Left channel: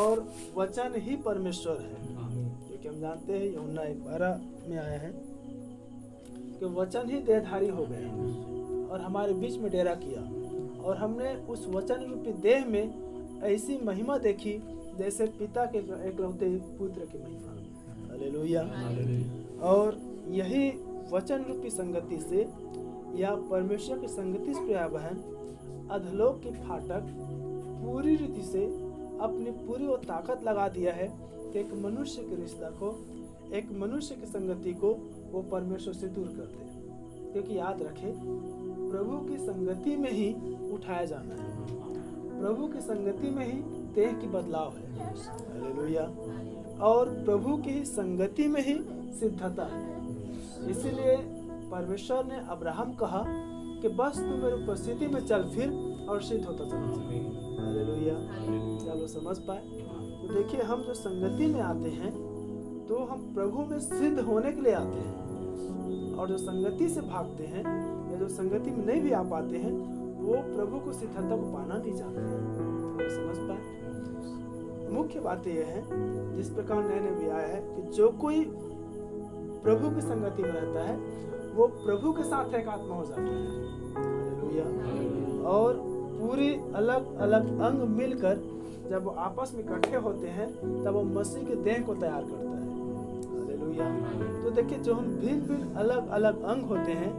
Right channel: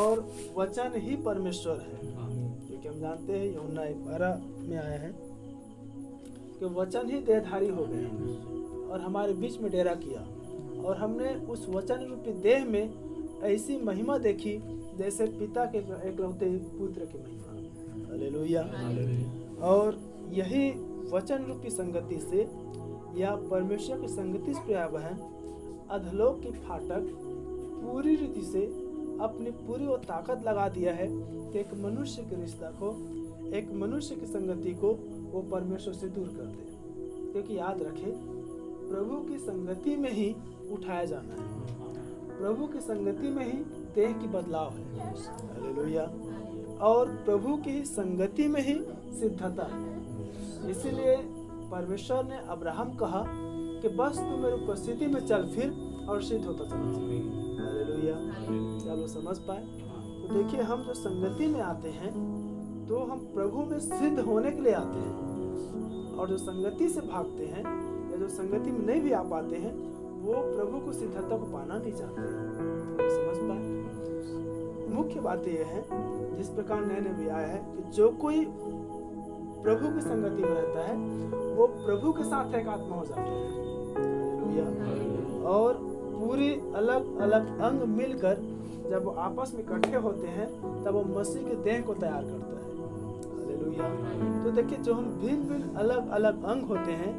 और वचन ही परमेश्वर है, क्योंकि हम जानते हैं यूहन्ना 1:12 में आया है कि वचन ही देहधारी हो गया और हमारे बीच में डेरा किया, और हमने उस वचन रूपी देह में ऐसी महिमा देखी जैसे पिता के एकलौते पुत्र की महिमा। हालेलुया। और यही वचन रूपी संगति से या परमेश्वर की संगति से प्रिय बहन, अधलोक की फाटक पूरी रीति से अपनी पूरी वो ताकत लगा दिया है कि एक मनुष्य के रिश्ता को, एक मनुष्य की संगति को वो परमेश्वर से दूर कर दे। क्योंकि याद रखे, प्रभु की संगति में ही उठाया जाना है, प्रभु की संगति में ही देह की बदलाव है। हालेलुया। और प्रभु की ही संगति में ही सिद्धता है। इसीलिए परमेश्वर ने अब्राहम कहा कि बस तू मेरी उपस्थिति में चल फिर और सिद्ध होता चला जा। हालेलुया। क्या लोग समझ पाए? तो देखिए, हम जो संगति में आते हैं तो हम प्रभु में सिद्ध होने के लिए आते हैं, और जो संगति से भागते हैं या जो संगति में नहीं भी आ पाते हैं वो प्रभु को सिद्धता को पाना नहीं चाहते हैं। तो समझ पाए? मुख्य बात यह है, जिस प्रकार नए भी आया है कि जो कोई प्रभु की संगति में रहता है वो प्रभु के साथ एक आत्मा हो जाता है। हालेलुया। और पूरी अलग अलग अंग मिलकर जब वो आपस में इकट्ठे होते हैं तब वो मसीह के देह को तैयार करता है। हालेलुया। तो देखिए, जो हम भिन्न भिन्न अलग अलग अंग होते हैं,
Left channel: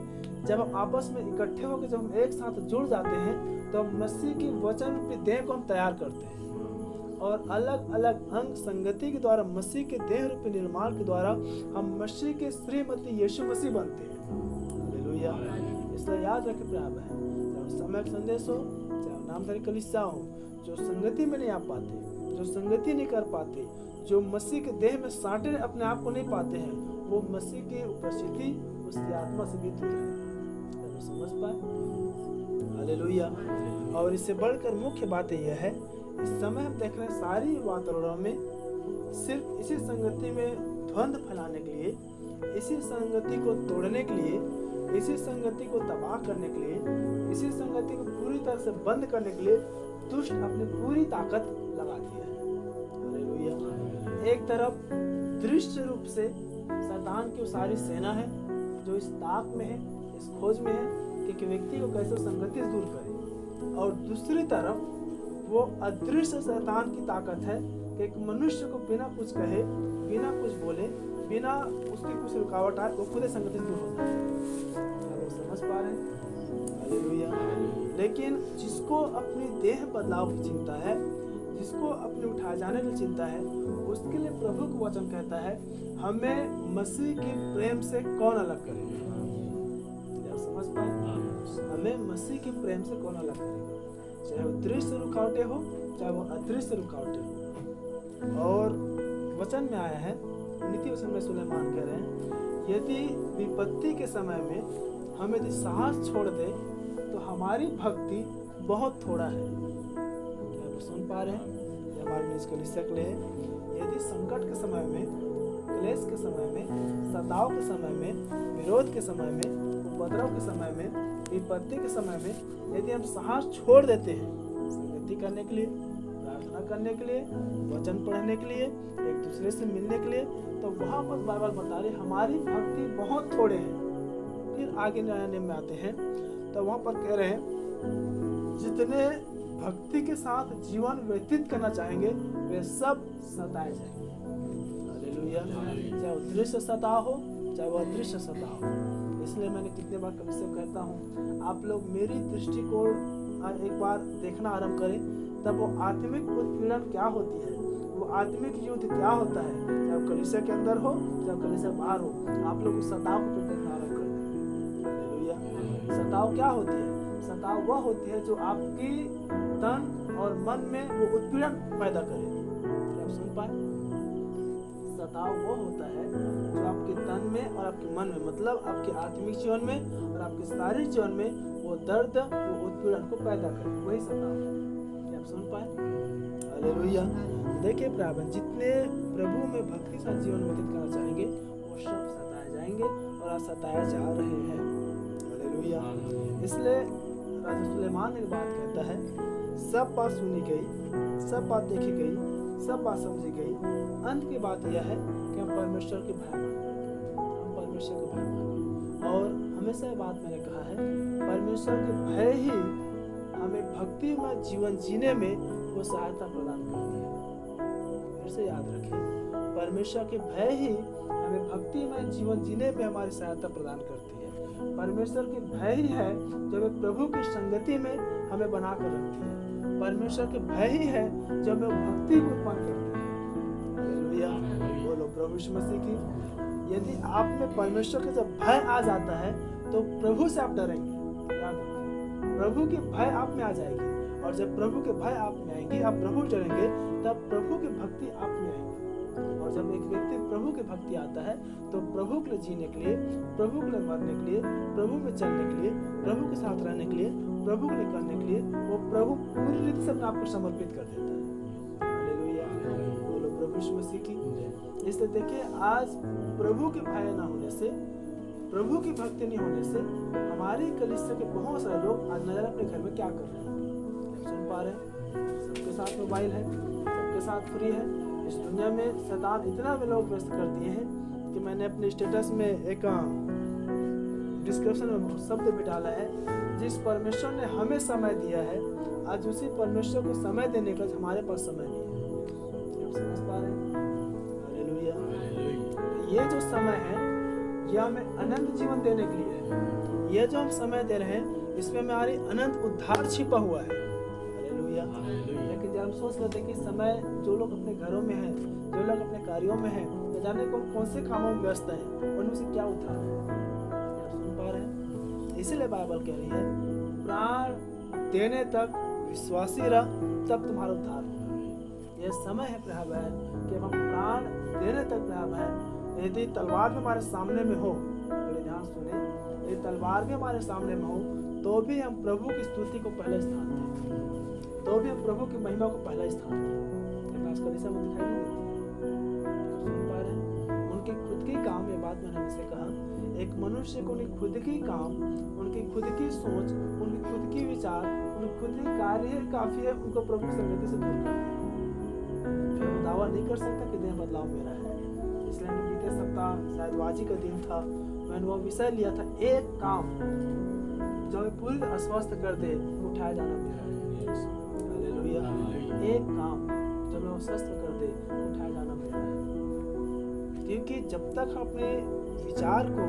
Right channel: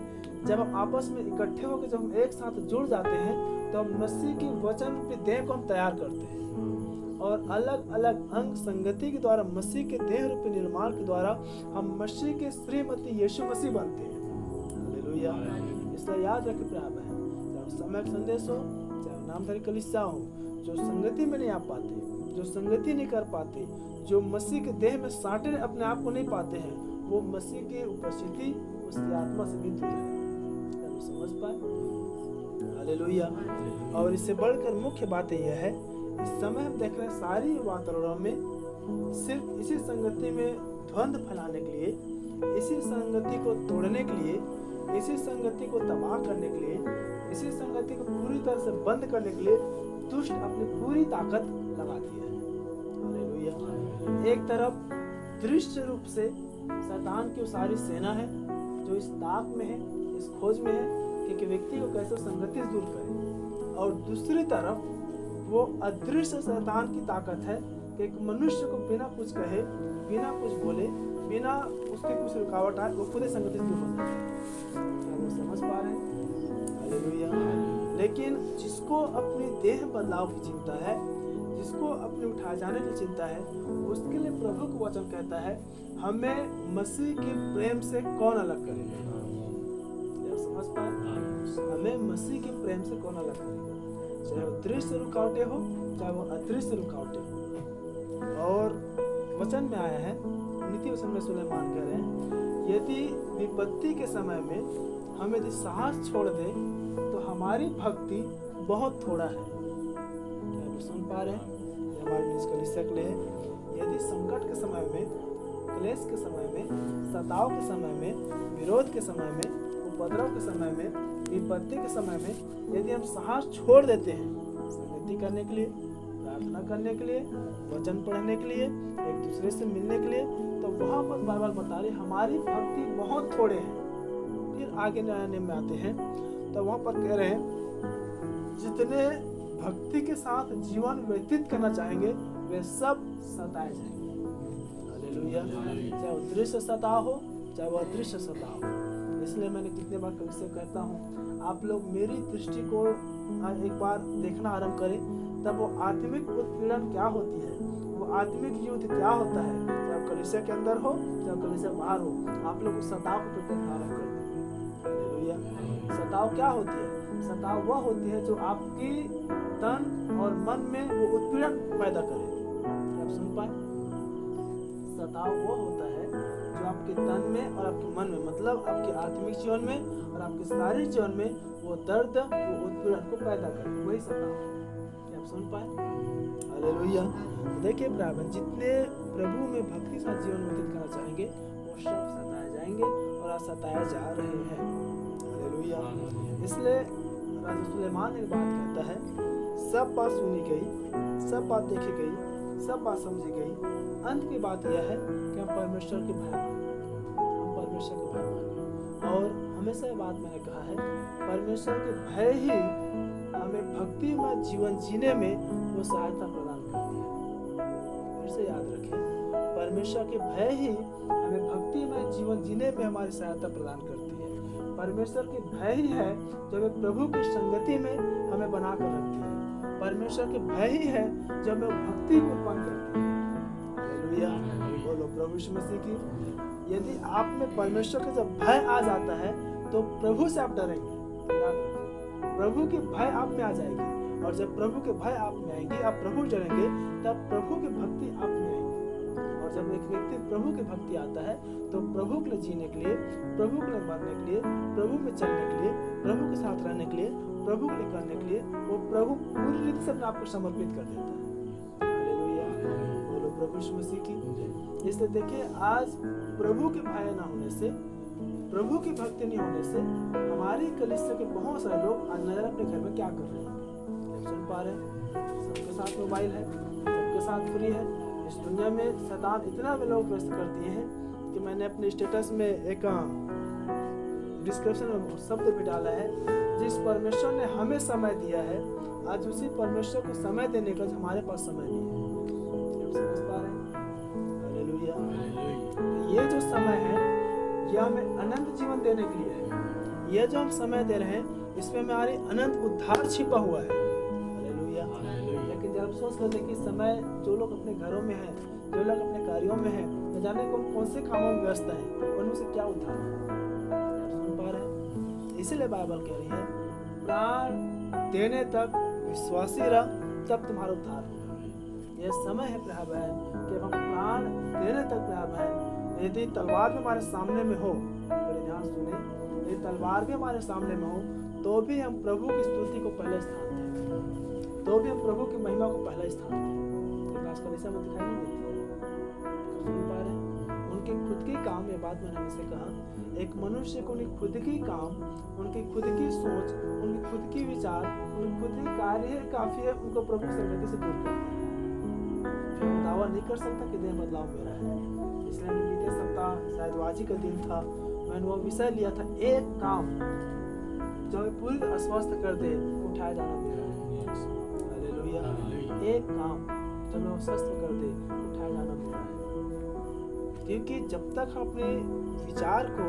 जब हम आपस में इकट्ठे होकर जब हम एक साथ जुड़ जाते हैं तो हम मसीह की वचन रूपी देह को हम तैयार करते हैं, और अलग अलग अंग संगति के द्वारा मसीह के देह रूपी निर्माण के द्वारा हम मसीह के श्रीमती यीशु मसीह बनते हैं। हालेलुया। इसलिए याद रखें प्रिय बहन, चाहे समय संदेश हो, चाहे नामधारी कलीसिया हो, जो संगति में नहीं आ पाते, जो संगति नहीं कर पाते, जो मसीह के देह में साटे अपने आप को नहीं पाते हैं, वो मसीह की उपस्थिति उसकी आत्मा से भी दूर है। समझ पाए? हालेलुया। और इससे बढ़कर मुख्य बात यह है, इस समय हम देख रहे हैं सारी वातावरण में सिर्फ इसी संगति में द्वंद्व फैलाने के लिए, इसी संगति को तोड़ने के लिए, इसी संगति को तबाह करने के लिए, इसी संगति को पूरी तरह से बंद करने के लिए दुष्ट अपनी पूरी ताकत लगाती है। हालेलुया। एक तरफ दृश्य रूप से शैतान की सारी सेना है जो इस ताक में है, इस खोज में है कि व्यक्ति को कैसे संगति से दूर करे, और दूसरी तरफ वो अदृश्य शैतान की ताकत है कि एक मनुष्य को बिना कुछ कहे, बिना कुछ बोले, बिना उसके कुछ रुकावट आए वो खुद संगति से दूर हो जाए। क्या लोग समझ पा रहे हैं? हालेलुया। लेकिन जिसको अपनी देह बदलाव की चिंता है, जिसको अपने उठाए जाने की चिंता है, उसके लिए प्रभु का वचन कहता है, हमें मसीह के प्रेम से कौन अलग करेगा? क्या समझ पाए? हमें मसीह के प्रेम से कौन अलग करेगा? चाहे वो दृश्य रुकावटें हो, चाहे वो अदृश्य रुकावटें हो। और वचन में आया है, नीति वचन में सुलेमान कह रहे हैं, यदि विपत्ति के समय में हम यदि साहस छोड़ दे तो हमारी भक्ति बहुत थोड़ा है। क्या आप सुन पा रहे हैं? ये हमारे निज कलीसिया के लिए है। यदि संकट के समय में, क्लेश के समय में, सताव के समय में, विरोध के समय में, उपद्रव के समय में, विपत्ति के समय में यदि हम साहस छोड़ देते हैं संगति करने के लिए, प्रार्थना करने के लिए, वचन पढ़ने के लिए, एक दूसरे से मिलने के लिए, तो वहाँ पर बाइबल बता रही हमारी भक्ति बहुत थोड़े हैं। फिर आगे नया नियम में आते हैं तो वहाँ पर कह रहे हैं, जितने भक्ति के साथ जीवन व्यतीत करना चाहेंगे वे सब सताए जाएंगे। हालेलुया। चाहे वो दृश्य सताव हो, चाहे वो अदृश्य सताव हो। इसलिए मैंने कितने बार कभी से कहता हूँ, आप लोग मेरी दृष्टिकोण एक बार देखना आरंभ करें, तब वो आत्मिक उत्पीड़न क्या होती है, वो आत्मिक युद्ध क्या होता है, चाहे वो कलीसिया के अंदर हो, चाहे कलीसिया बाहर हो, आप लोग उस सताव को देखना आरंभ कर देंगे। हालेलुया। सताव क्या होती है? सताव वह होती है जो आपकी तन और मन में वो उत्पीड़न पैदा करे। क्या आप सुन पाए? सताव वो होता है जो आपके तन में और आपके मन में, मतलब आपके आत्मिक जीवन में और आपके शारीरिक जीवन में वो दर्द, वो उत्पीड़न को पैदा करे, वही सताव है। क्या आप सुन पाए? हालेलुया। देखिए प्रार्थना, जितने प्रभु में भक्ति साथ जीवन व्यतीत करना चाहेंगे वो सब सताए जाएंगे और आज सताए जा रहे हैं। हालेलुया। इसलिए राजा सुलेमान एक बात कहता है, सब बात सुनी गई, सब बात देखी गई, सब बात समझी गई। अंत की बात यह है कि हम परमेश्वर के भय माने, हम परमेश्वर के भय माने। और हमेशा ये बात मैंने कहा है, परमेश्वर के भय ही हमें भक्तिमय जीवन जीने में वो सहायता प्रदान करती है। फिर से याद रखें, परमेश्वर के भय ही हमें भक्तिमय जीवन जीने में हमारी सहायता प्रदान करती है। परमेश्वर के भय ही है जो हमें प्रभु की संगति में हमें बना कर रखती है। परमेश्वर के भय ही है जो हमें भक्ति को उत्पन्न करती है। हालेलुया, बोलो प्रभु यीशु मसीह की। यदि आप में परमेश्वर का जब भय आ जाता है तो प्रभु से आप डरेंगे। याद रखें, प्रभु के भय आप में आ जाएगी, और जब प्रभु के भय आप में आएंगी, आप प्रभु डरेंगे, तब प्रभु की भक्ति आप में आएगी। और जब एक व्यक्ति प्रभु की भक्ति आता है तो प्रभु के लिए जीने के लिए, प्रभु के लिए मरने के लिए, प्रभु में चलने के लिए, प्रभु के साथ रहने के लिए, प्रभु के लिए करने के लिए वो प्रभु पूरी रीति से अपने आप को समर्पित कर देता है। हालेलुया, बोलो प्रभु यीशु मसीह की। इसलिए देखिए, आज प्रभु के भय ना होने से, प्रभु की भक्ति नहीं होने से हमारी कलीसिया के बहुत सारे लोग आज नजर अपने घर में क्या कर रहे हैं, सुन पा रहे हैं। सबके साथ मोबाइल है, सबके साथ फ्री है। इस दुनिया में शैतान इतना भी लोग व्यस्त कर दिए हैं कि मैंने अपने स्टेटस में एक डिस्क्रिप्शन में शब्द भी डाला है, जिस परमेश्वर ने हमें समय दिया है, आज उसी परमेश्वर को समय देने का हमारे पास समय नहीं है। आप समझ पा रहे हैं? हालेलुया। ये जो समय है ये हमें अनंत जीवन देने के लिए है। ये जो हम समय दे रहे हैं इसमें हमारी अनंत उद्धार छिपा हुआ है। हालेलुया। लेकिन जब हम सोच लेते हैं कि समय, जो लोग अपने घरों में हैं, जो लोग अपने कार्यों में हैं, न जाने कौन से कामों में व्यस्त हैं, उनमें से क्या उद्धार है। आप सुन पा रहे हैं? इसीलिए बाइबल कह रही है, प्राण देने तक विश्वासी रह, तब तुम्हारा उद्धार होगा। यह समय है प्रिय बहन कि हम प्राण देने तक, प्रिय बहन, यदि तलवार भी हमारे सामने में हो, बड़े ध्यान सुने, यदि तलवार भी हमारे सामने में हो तो भी हम प्रभु की स्तुति को पहले स्थान दें, तो भी हम प्रभु की महिमा को पहला स्थान दें। लेकिन आजकल ऐसा मुझे दिखाई नहीं देती है। सुन पा रहे हैं? उनके खुद के काम, ये बात मैंने हमसे कहा, एक मनुष्य को उनके खुद की काम, उनकी खुद की सोच, उनकी खुद की विचार, उनकी खुद की कार्य काफी है उनको प्रभु की संगति से दूर कर दिया। फिर वो दावा नहीं कर सकता कि देह बदलाव मेरा है। इसलिए हमने बीते सप्ताह, शायद वाजी का दिन था, मैंने वो विषय लिया था, एक काम जो हमें पूरी अस्वस्थ कर दे, उठाया जाना मेरा है। हालेलुया। एक काम जो हमें अस्वस्थ कर दे, उठाया जाना मेरा है। क्योंकि जब तक हम अपने विचार को,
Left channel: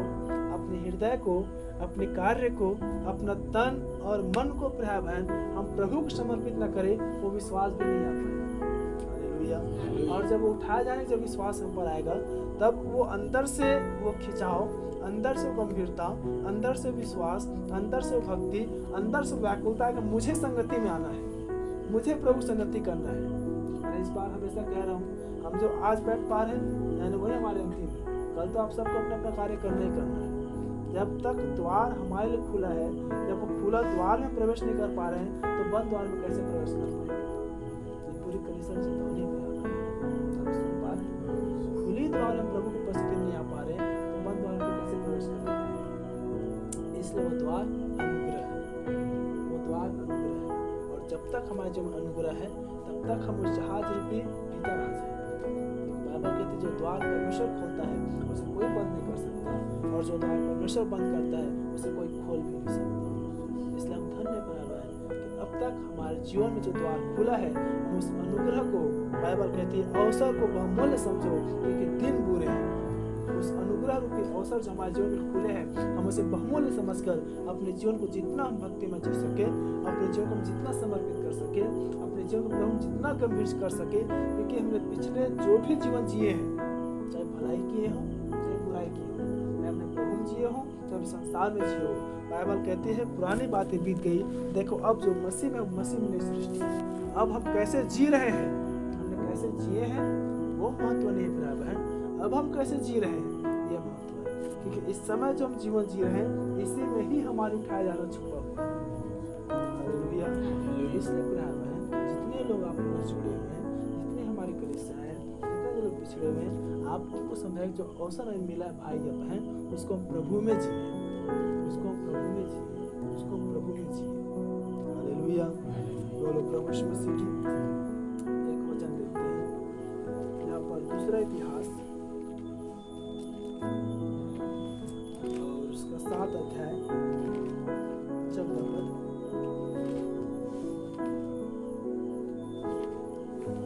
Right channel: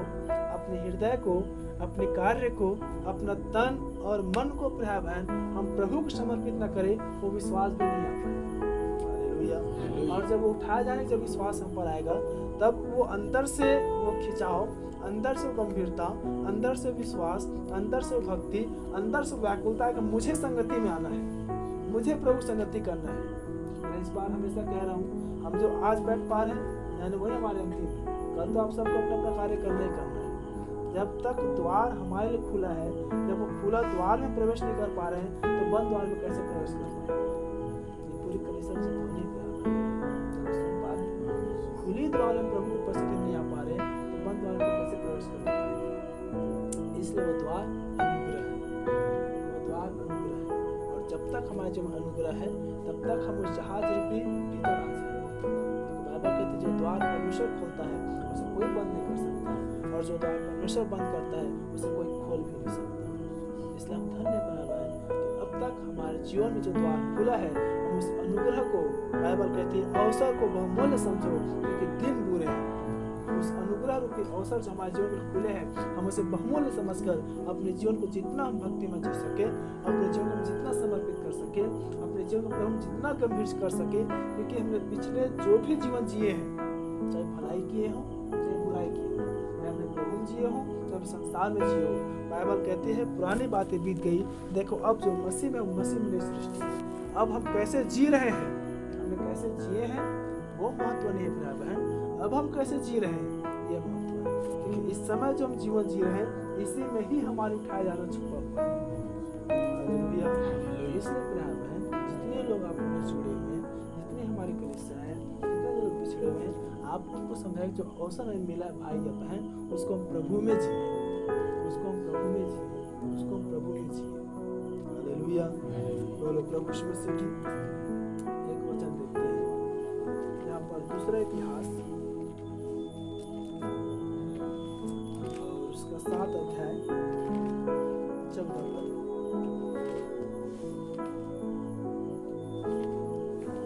अपने हृदय को, अपने कार्य को, अपना तन और मन को प्रिय बहन हम प्रभु को समर्पित न करें, वो विश्वास भी नहीं आ पाएगा। हालेलुया। और जब वो उठाया जाने, जब विश्वास हम पर आएगा, तब वो अंदर से वो खिंचाव, अंदर से गंभीरता, अंदर से विश्वास, अंदर से भक्ति, अंदर से व्याकुलता है कि मुझे संगति में आना है, मुझे प्रभु संगति करना है। मैंने इस बार हमेशा कह रहा हूँ, हम जो आज बैठ पा रहे हैं, यानी वही हमारे अंतिम है। कल तो आप सबको अपना अपना कार्य करना ही करना है। जब तक द्वार हमारे लिए खुला है, जब वो खुला द्वार में प्रवेश नहीं कर पा रहे हैं, तो बंद द्वार में कैसे प्रवेश कर पाएंगे? पूरी कलीसिया से धोने पे सुन पा रहे हैं? खुली द्वार में प्रभु की उपस्थिति नहीं आ पा रहे, तो बंद द्वार में कैसे प्रवेश कर पाएंगे? इसलिए वो द्वार अनुग्रह है, वो द्वार अनुग्रह है। और जब तक हमारे जो अनुग्रह है, तब तक हम उस जहाज रूपी भीतर आ जाएंगे। बाइबल कहती है, जो द्वार परमेश्वर खोलता है उसे कोई बंद नहीं कर सकता, और जो द्वार परमेश्वर बंद करता है उसे कोई खोल भी नहीं सकता। इसलिए हम धन्य पाया है कि अब तक हमारे जीवन में जो द्वार खुला है, हम उस अनुग्रह को, बाइबल कहती है, अवसर को बहुमूल्य समझो, क्योंकि दिन बुरे हैं। उस अनुग्रह रूपी अवसर जो हमारे जीवन में खुले हैं, हम उसे बहुमूल्य समझकर अपने जीवन को जितना हम भक्ति में जी सके, अपने जीवन को जितना समर्पित कर सके, अपने जीवन को प्रभु जितना गंभीर कर सके, क्योंकि हमने पिछले जो भी जीवन जिए हैं, चाहे भलाई किए हों चाहे बुराई किए हों, चाहे अपने प्रभु में जिए हों चाहे संसार में जिए हो, बाइबल कहती है पुरानी बातें बीत गई, देखो अब जो मसीह में, मसीह में सृष्टि है। अब हम कैसे जी रहे हैं, हमने कैसे जिए हैं वो महत्व नहीं है प्रिय बहन, अब हम कैसे जी रहे हैं ये महत्व है। क्योंकि इस समय जो हम जीवन जी रहे हैं, इसी में ही हमारे उठाया जाना छुपा हुआ है। हालेलुया। इसलिए प्रिय बहन, जितने लोग आप लोग जुड़े हुए हैं, जितने हमारी कलीसिया है, जितने लोग पिछड़े हुए हैं, आप उनको समझाए जो अवसर हमें मिला है भाई या बहन, उसको हम प्रभु में जिए, उसको हम प्रभु में जिए, उसको हम प्रभु में जिए। हालेलुया। बोलो प्रभु यीशु मसीह की। एक वचन देखते हैं, यहाँ पर दूसरा इतिहास और उसका 7 अध्याय 14 पद।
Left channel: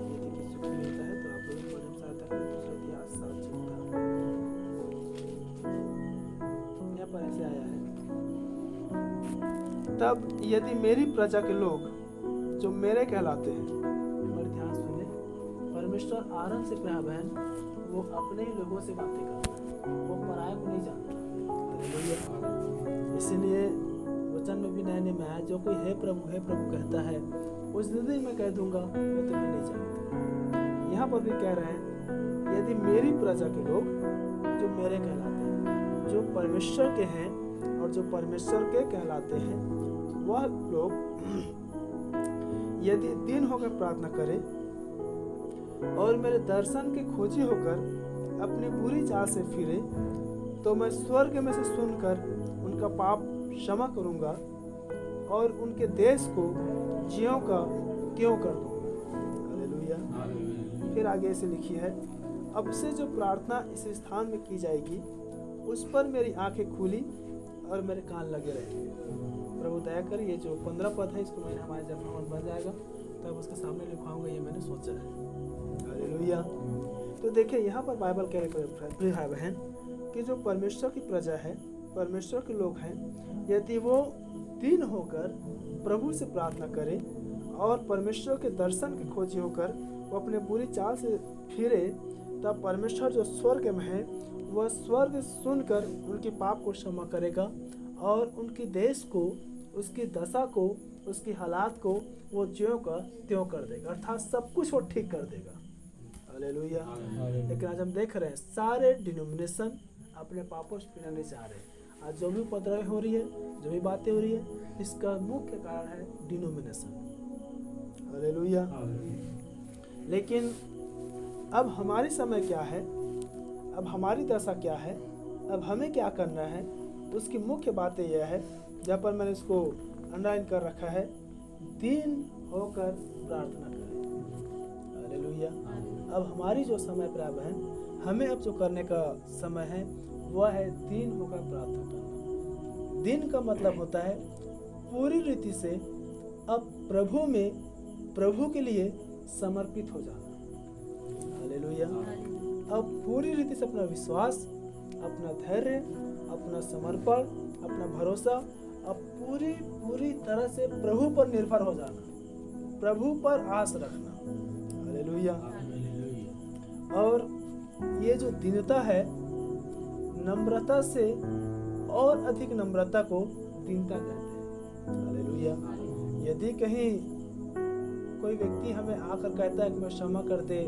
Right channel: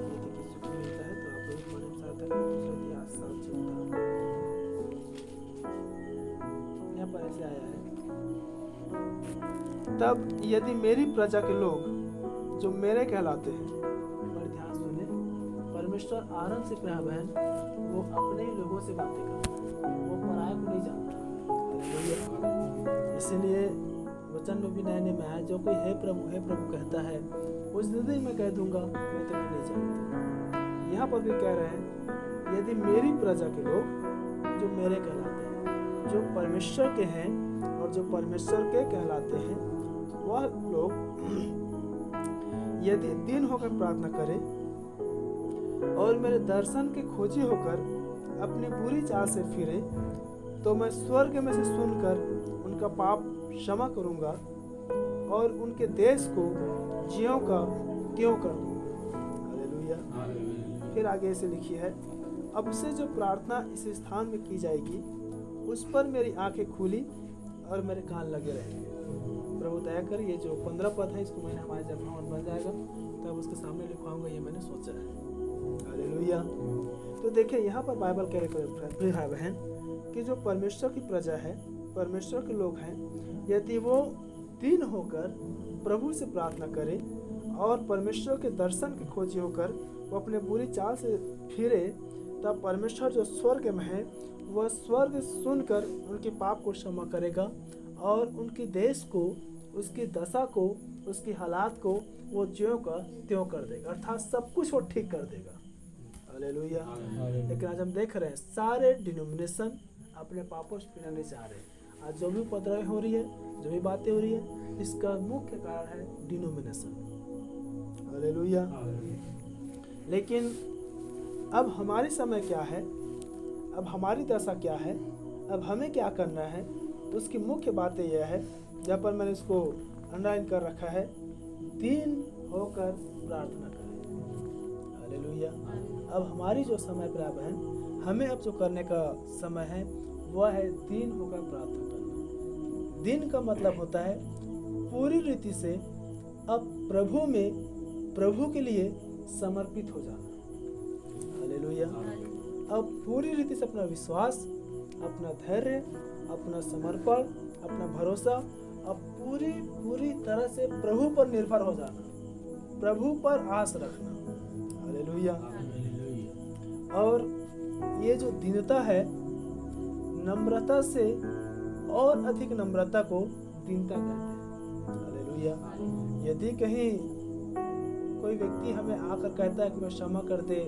यदि किसी को मिलता है तो आप लोग पढ़ने में सहायता करें। दूसरा इतिहास 7:14 यहाँ पर ऐसे आया है, तब यदि मेरी प्रजा के लोग जो मेरे कहलाते हैं, बड़े ध्यान सुने, परमेश्वर आरंभ से प्यार बहन वो अपने ही लोगों से बातें करता है, वो पराये को नहीं जानता। इसीलिए वचन में भी नए में आया, जो कोई हे प्रभु कहता है उस दिन मैं कह दूंगा मैं तुम्हें नहीं जानता। यहाँ पर भी कह रहे हैं यदि मेरी प्रजा के लोग जो मेरे कहलाते हैं, जो परमेश्वर के हैं और जो परमेश्वर के कहलाते हैं, वह लोग यदि दिन होकर प्रार्थना करें और मेरे दर्शन के खोजी होकर अपनी बुरी चाल से फिरे, तो मैं स्वर्ग में से सुनकर उनका पाप क्षमा करूंगा और उनके देश को ज्यों का त्यों कर दूंगा। हालेलुया। फिर आगे से लिखी है, अब से जो प्रार्थना इस स्थान में की जाएगी उस पर मेरी आंखें खुली और मेरे कान लगे रहेंगे। प्रभु दया कर, ये जो 15 पद है इसको मैंने हमारे जब भवन बन जाएगा तब उसके सामने लिखवाऊंगा, ये मैंने सोचा है। हालेलुया। तो देखिए यहाँ पर बाइबल कह रहे भाई बहन कि जो परमेश्वर की प्रजा है, परमेश्वर के लोग हैं, यदि वो दिन होकर प्रभु से प्रार्थना करें और परमेश्वर के दर्शन की खोजी होकर वो अपने बुरी चाल से फिरे, तब परमेश्वर जो स्वर्ग में है वह स्वर्ग सुनकर उनके पाप को क्षमा करेगा और उनकी देश को, उसकी दशा को, उसकी हालात को वो ज्यों का त्यों कर देगा, अर्थात सब कुछ वो ठीक कर देगा। हालेलुया। लेकिन आज हम देख रहे हैं सारे डिनोमिनेशन अपने पापों से पीना नहीं चाह रहे। आज जो भी उपद्रव हो रही है, जो भी बातें हो रही है, इसका मुख्य कारण है डिनोमिनेशन। हालेलुया। लेकिन अब हमारी समय क्या है, अब हमारी दशा क्या है, अब हमें क्या करना है, उसकी मुख्य बातें यह है, जहाँ पर मैंने इसको अंडरलाइन कर रखा है, दीन होकर प्रार्थना करें। हालेलुया। अब हमारी जो समय पर अब है, हमें अब जो करने का समय है वह है दीन होकर प्रार्थना करना। दीन का मतलब होता है पूरी रीति से अब प्रभु में, प्रभु के लिए समर्पित हो जाना। हालेलुया। अब पूरी रीति से अपना विश्वास, अपना धैर्य, अपना समर्पण, अपना भरोसा अब पूरी तरह से प्रभु पर निर्भर हो जाना, प्रभु पर आस रखना। हालेलुया। और ये जो दीनता है, नम्रता से और अधिक नम्रता को दीनता कहते हैं। हालेलुया। यदि कहीं कोई व्यक्ति हमें आकर कहता है कि मैं क्षमा कर दे,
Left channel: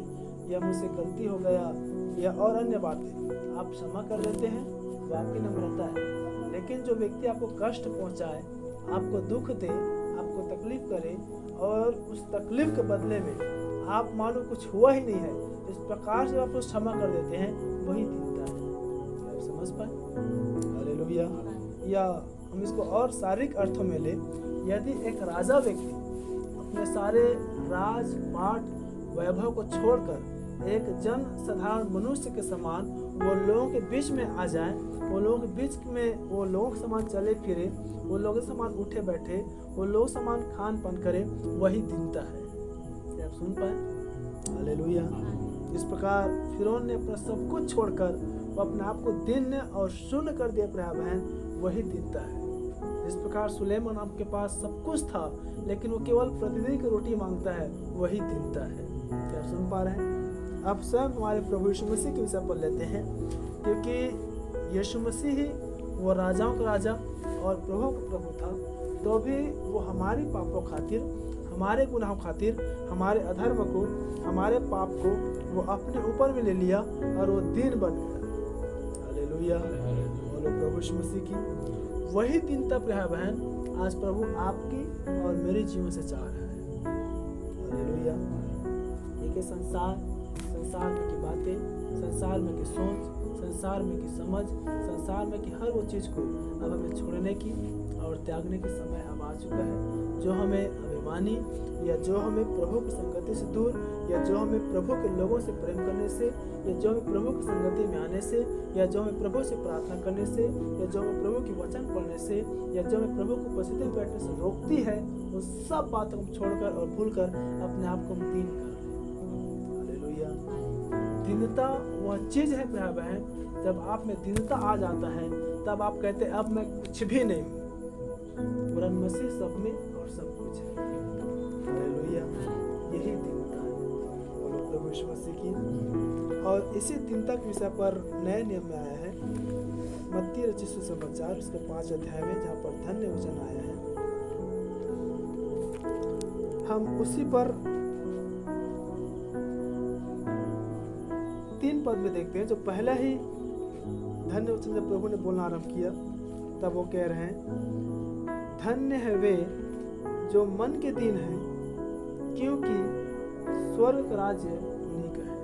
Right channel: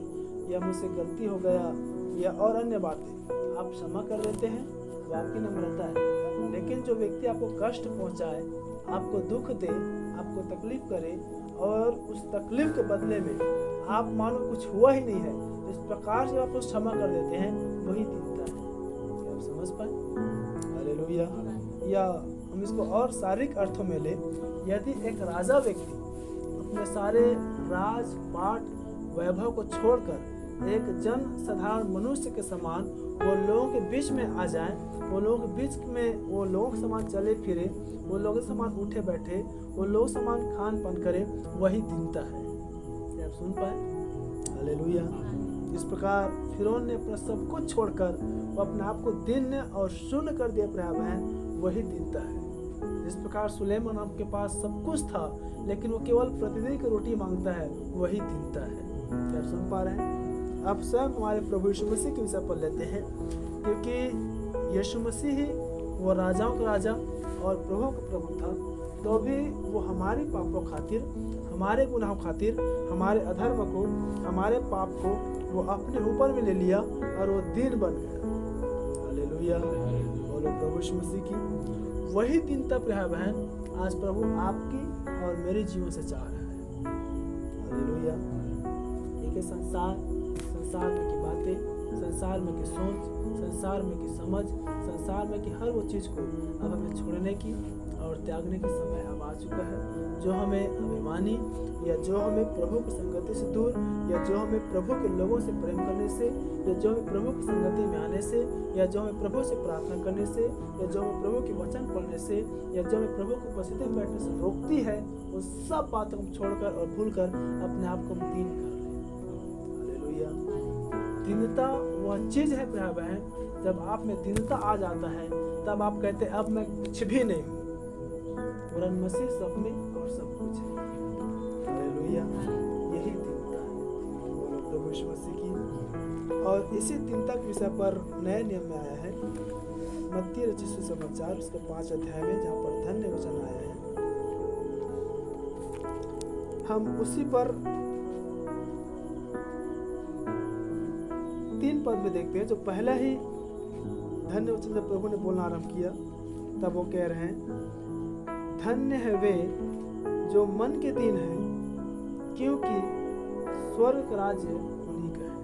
या मुझसे गलती हो गया, या और अन्य बातें, आप क्षमा कर देते हैं, वो आपकी नम्रता है। लेकिन जो व्यक्ति आपको कष्ट पहुंचाए, आपको दुख दे, आपको तकलीफ करे और उस तकलीफ के बदले में आप मानो कुछ हुआ ही नहीं है, इस प्रकार से आप उस क्षमा कर देते हैं, वही दीनता है। क्या आप समझ पाए? हालेलुया। या हम इसको और शारीरिक अर्थों में ले, यदि एक राजा व्यक्ति अपने सारे राज पाट वैभव को छोड़कर एक जन साधारण मनुष्य के समान वो लोगों के बीच में आ जाए, वो लोगों के बीच में वो लोगों के समान चले फिरे, वो लोगों के समान उठे बैठे, वो लोग समान खान पान करे, वही दीनता है। क्या आप सुन पाए? हालेलुया। इस प्रकार फिरौन ने अपना सब कुछ छोड़कर वो अपने आप को दीन और शून्य कर दिया, प्रिय बहन, वही दीनता है। इस प्रकार सुलेमान आपके पास सब कुछ था, लेकिन वो केवल प्रतिदिन की रोटी मांगता है, वही दीनता है। क्या आप सुन पा रहे हैं? अब स्वयं हमारे प्रभु यीशु मसीह के विषय पर लेते हैं, क्योंकि यीशु मसीह ही वो राजाओं का राजा और प्रभु का प्रभु था, तो भी वो हमारे पापों खातिर, हमारे गुनाहों खातिर, हमारे अधर्म को, हमारे पाप को वो अपने ऊपर में ले लिया और वो दीन बन गया। हालेलुया। बोलो प्रभु यीशु मसीह की। वही दीनता प्रिय बहन आज प्रभु आपकी और मेरे जीवन से चाह रहा है। हालेलुया। देखिए संसार में की बातें, संसार में की सोच, संसार में की समझ, संसार में की हर वो चीज़ को अब हमें छोड़ने की, और त्यागने के समय अब आ चुका है। जो हमें अभिमानी या जो हमें प्रभु की संगति से दूर या जो हमें प्रभु के लोगों से प्रेम करने से या जो हमें प्रभु की संगति में आने से या जो हमें प्रभु से प्रार्थना करने से या जो हमें प्रभु के वचन पढ़ने से या जो हमें प्रभु को उपस्थिति में बैठने से रोकती है, वो सब बातों को छोड़कर और भूलकर अपने आप को दीन कर ले। हालेलुया। दीनता वह चीज है प्रिय बहन, जब आप में दीनता आ जाता है तब आप कहते हैं अब मैं कुछ भी नहीं हूँ, वरन मसीह सब में और सब कुछ है। हालेलुया। यही दीनता है। बोलो प्रभु यीशु मसीह की। और इसी दीनता के विषय पर नए नियम में आया है मत्ती रचित सुसमाचार उसके 5 अध्याय में, जहाँ पर धन्य वचन आया है। हम उसी पर 3 पद में देखते हैं। जो पहला ही धन्य वचन जब प्रभु ने बोलना आरंभ किया तब वो कह रहे हैं धन्य है वे जो मन के दीन है, क्योंकि स्वर्ग का राज्य उन्हीं का है।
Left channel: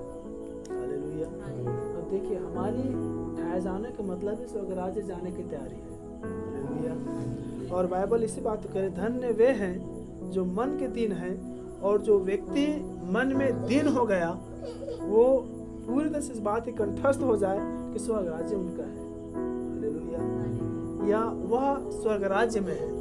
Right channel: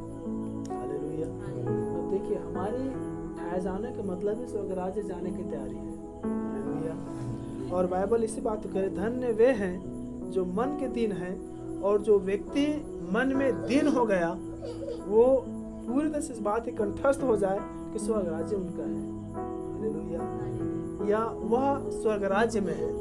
हालेलुया। अब देखिए, हमारी उठाए जाने का मतलब है स्वर्ग राज्य जाने की तैयारी है। हालेलुया। और बाइबल इसी बात को कह रहे, धन्य वे हैं जो मन के दीन है, और जो व्यक्ति मन में दीन हो गया वो पूरी तरह से इस बात की कंठस्थ हो जाए कि स्वर्ग राज्य उनका है। हालेलुया। या वह स्वर्ग राज्य में है।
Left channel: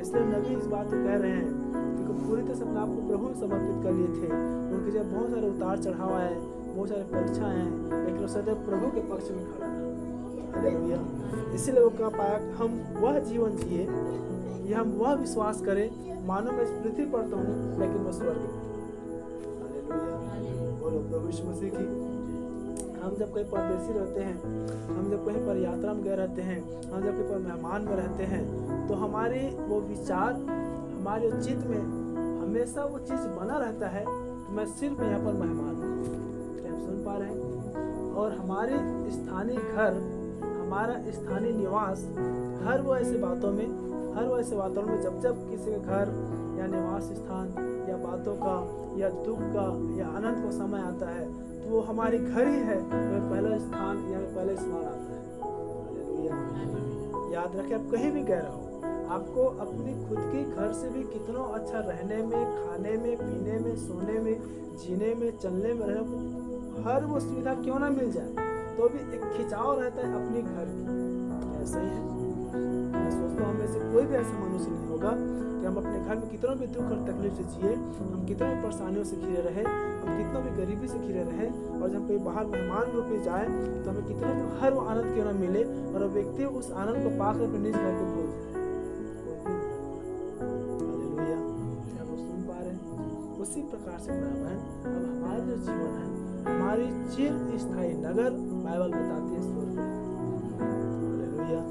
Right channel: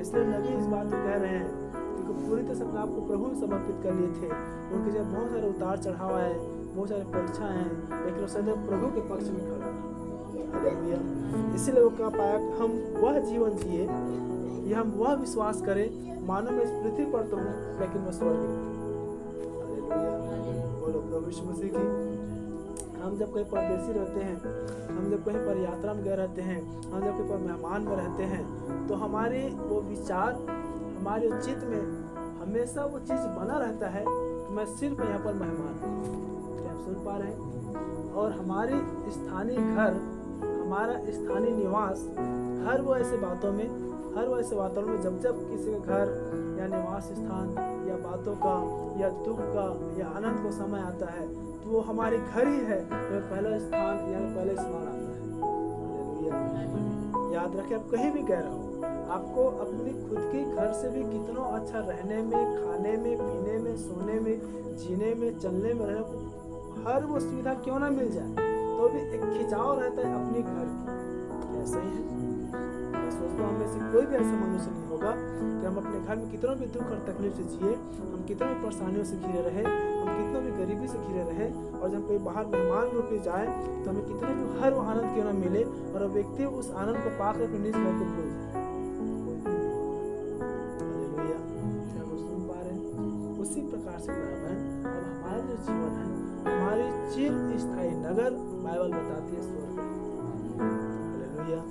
इसलिए नबी इस बात को कह रहे हैं कि पूरी तरह से अपने आप को प्रभु में समर्पित कर लिए थे। उनके जब बहुत सारे उतार चढ़ाव आए, बहुत सारे परीक्षा हैं, लेकिन वो सदैव प्रभु के पक्ष में खड़ा रहा। हालेलुया। इसीलिए वो कह पाया हम वह जीवन जिए या हम वह विश्वास करें मानो मैं इस पृथ्वी पर तो हूँ लेकिन मैं स्वर्ग में हूँ। हालेलुया। बोलो प्रभु यीशु मसीह की। हम जब कहीं परदेसी रहते हैं, हम जब कहीं पर यात्रा में गए रहते हैं, हम जब कहीं पर मेहमान में रहते हैं, तो हमारे वो विचार, हमारे चित्त में हमेशा वो चीज़ बना रहता है कि मैं सिर्फ यहाँ पर मेहमान हूँ। क्या आप सुन पा रहे हैं? और हमारी स्थानीय घर, हमारा स्थानीय निवास, हर वो ऐसे बातों में, हर वो ऐसे वातावरण में जब जब किसी के घर या निवास स्थान या बातों का या दुख का या आनंद का समय आता है, तो वो हमारे घर ही है जो पहला स्थान या पहला स्मरण आता है। हालेलुया। याद रखें, आप कहीं भी गए रहो, आपको अपनी खुद की घर से भी कितना अच्छा रहने में, खाने में, पीने में, सोने में, जीने में, चलने में, रहने को हर वो सुविधा क्यों ना मिल जाए, तो भी एक खिंचाव रहता है अपने घर की। ऐसा ही है। मैं सोचता हूँ हमें से कोई भी ऐसा मनुष्य नहीं होगा कि हम अपने घर में कितना भी दुख और तकलीफ से जिए, हम कितना भी परेशानियों से घिरे रहे, हम कितना भी गरीबी से घिरे रहे, और जब कहीं बाहर मेहमान रूप में जाए तो हमें कितना भी हर वो आनंद क्यों ना मिले और वो व्यक्ति उस आनंद को पाकर अपने निज घर को भूल जाए, कोई भी नहीं होगा। हालेलुया। क्या आप सुन पा रहे हैं? उसी प्रकार से बहन, अब हमारा जो जीवन है, हमारी चिर स्थायी नगर बाइबल बताती है स्वर्ग है। हालेलुया।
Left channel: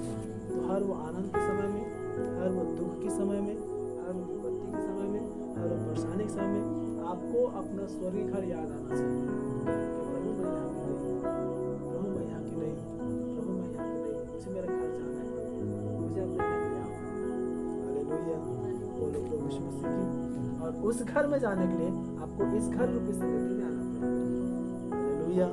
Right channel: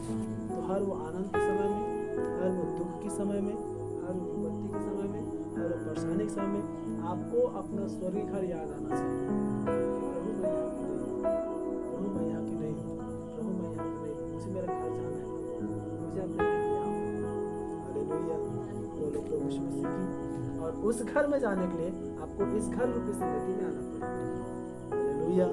तो हर वो आनंद के समय में, हर वो दुख के समय में, हर वो विपत्ति के समय में, हर वो परेशानी के समय में आपको अपना स्वर्गीय घर याद आना चाहिए कि प्रभु मैं यहाँ की नहीं हूँ, प्रभु मैं यहाँ की नहीं हूँ, प्रभु मैं यहाँ की नहीं हूँ, मुझे मेरा घर जाना है, मुझे अपने घर पे आना। हालेलुया। बोलो प्रभु यीशु मसीह की। और उस घर में जाने के लिए आपको इस घर रूपी संगति में आना पड़ेगा। हालेलुया।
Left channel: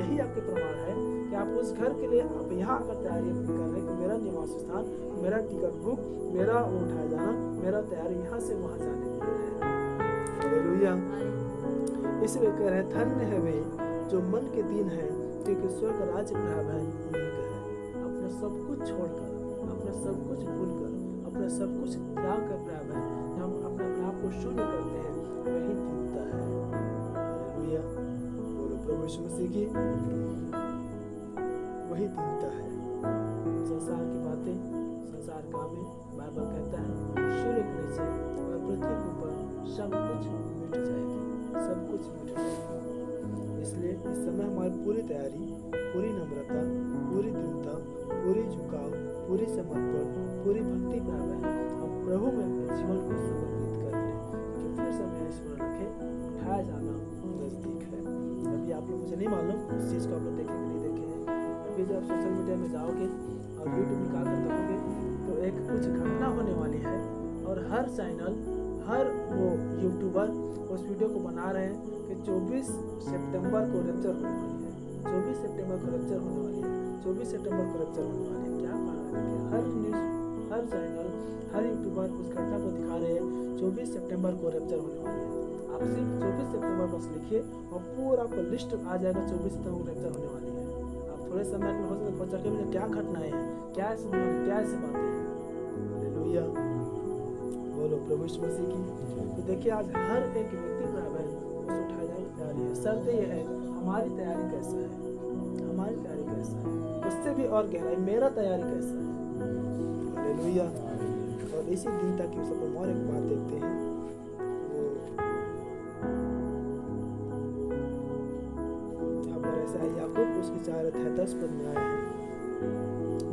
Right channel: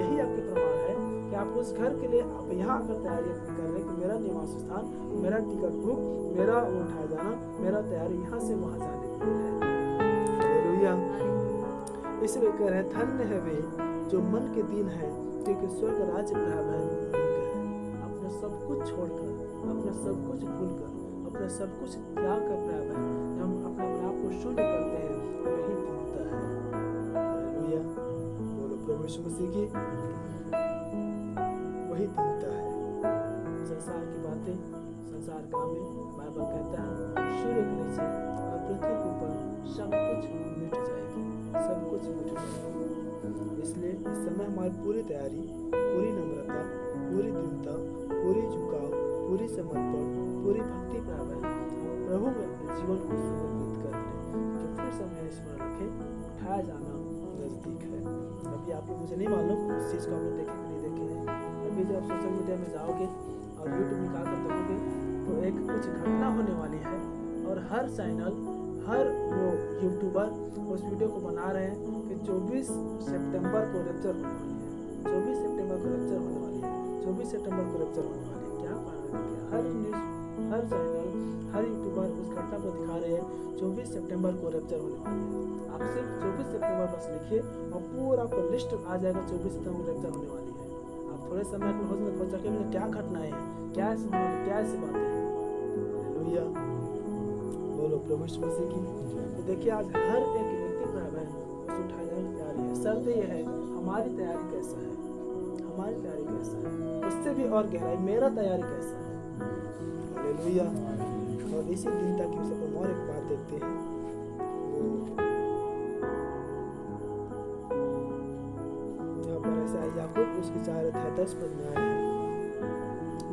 यही आपके प्रमाण है कि आप उस घर के लिए आप यहाँ आकर तैयारी अपनी कर रहे हैं कि मेरा निवास स्थान, मेरा टिकट बुक, मेरा वो उठाया जाना, मेरा तैयारी यहाँ से वहाँ जाने के लिए है। हालेलुया। इसलिए कह रहे हैं धन्य है वे जो मन के दीन है, क्योंकि स्वर्ग राज्य उन्हीं का है। अपना सब कुछ छोड़कर, अपना सब कुछ भूलकर, अपना सब कुछ त्याग कर प्राप्त है, जब हम अपने आप को शून्य करते हैं, वही दीनता है। हालेलुया। बोलो प्रभु यीशु मसीह की। वही दीनता है। संसार की बातें, संसार कामें, बाइबल कहता है सूर्य के नीचे और पृथ्वी के ऊपर सब कुछ मिट जाएगी, सब कुछ मिट जाएगी। इसलिए इस समय हमारी पूरी तैयारी, पूरी नम्रता, पूरी दीनता, पूरी झुकाव, पूरी समर्पण, पूरी भक्ति प्राप्त है, हम प्रभु में अपने जीवन को समर्पित कर लें कि फिर समय स्मरण रखें उठाया जाना नजदीक है। अभी आप लोग, मुझे नहीं मालूम उस चीज़ को आप लोग देखे कि नहीं देखे हैं। अभी जब आप सोशल मीडिया में जाओगे और यूट्यूब निकाल कर देखोगे तो एक कुछ घटना होने वाली है, और हर चैनल, हर वो यूट्यूबर उस वीडियो को बना रहे हैं कि 24 सितंबर को रैप्चर होने वाली है, 24 सितंबर को रैप्चर होने वाली है, 24 सितंबर को रैप्चर होने वाली है। क्या कारण है? हर न्यूज़, हर चैनल, हर यूट्यूबर उस घटना को दिखा रहे हैं 24 सितंबर को रैप्चर होने वाली है। आप सिर्फ 24 सितंबर बस लिखिए और पूरा आपको लिस्ट आ जाएगा 24 सितंबर को रैप्चर होने वाली है। आप थोड़े समय के हो सके में क्या घटनाएं हैं, क्या ऐसी बातें हैं। हालेलुया, बोलो प्रभु यीशु मसीह की। तो देखिए आज हर एक व्यक्ति पर बहन उस उठाए जाने की तैयारी है। शर्त ये है हमारी तैयारी कैसा है, हमारी तैयारी कैसा है, उससे भी और गहराई मेरा तैयारी कैसा है। हालेलुया। और इसी दिन तक सब और एक बात देखते हैं, वो यहाँ पर ऐसा है, याकूब उसकी 4:10 पद में आया है।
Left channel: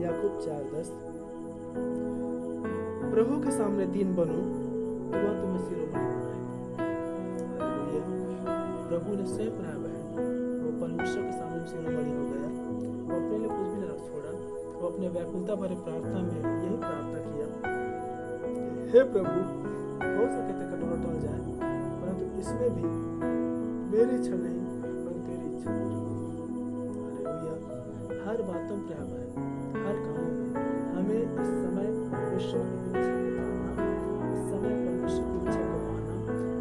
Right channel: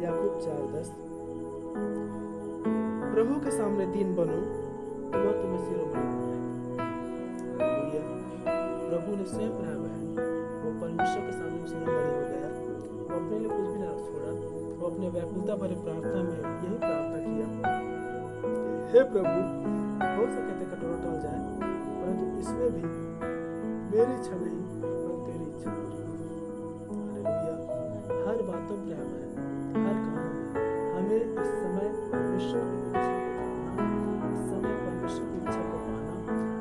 याकूब 4:10, प्रभु के सामने दीन बनो तो वह तुम्हें शिरोमणि बनाएगा। हालेलुया। प्रभु ने स्वयं प्राय बहन वो परमेश्वर के सामने शिरोमणि हो गया। वो अपने लिए कुछ भी ना छोड़ा, वो अपने व्याकुलता भरे प्रार्थना में यही प्रार्थना किया, हे प्रभु हो सके तो कटोरा टल जाए, परंतु इसमें भी मेरी इच्छा नहीं परंतु तेरी इच्छा पूरी हो। हालेलुया। हर बातों पर हर कामों में हमें इस समय परमेश्वर की इच्छा को जानना, इस समय परमेश्वर की इच्छा को पाना,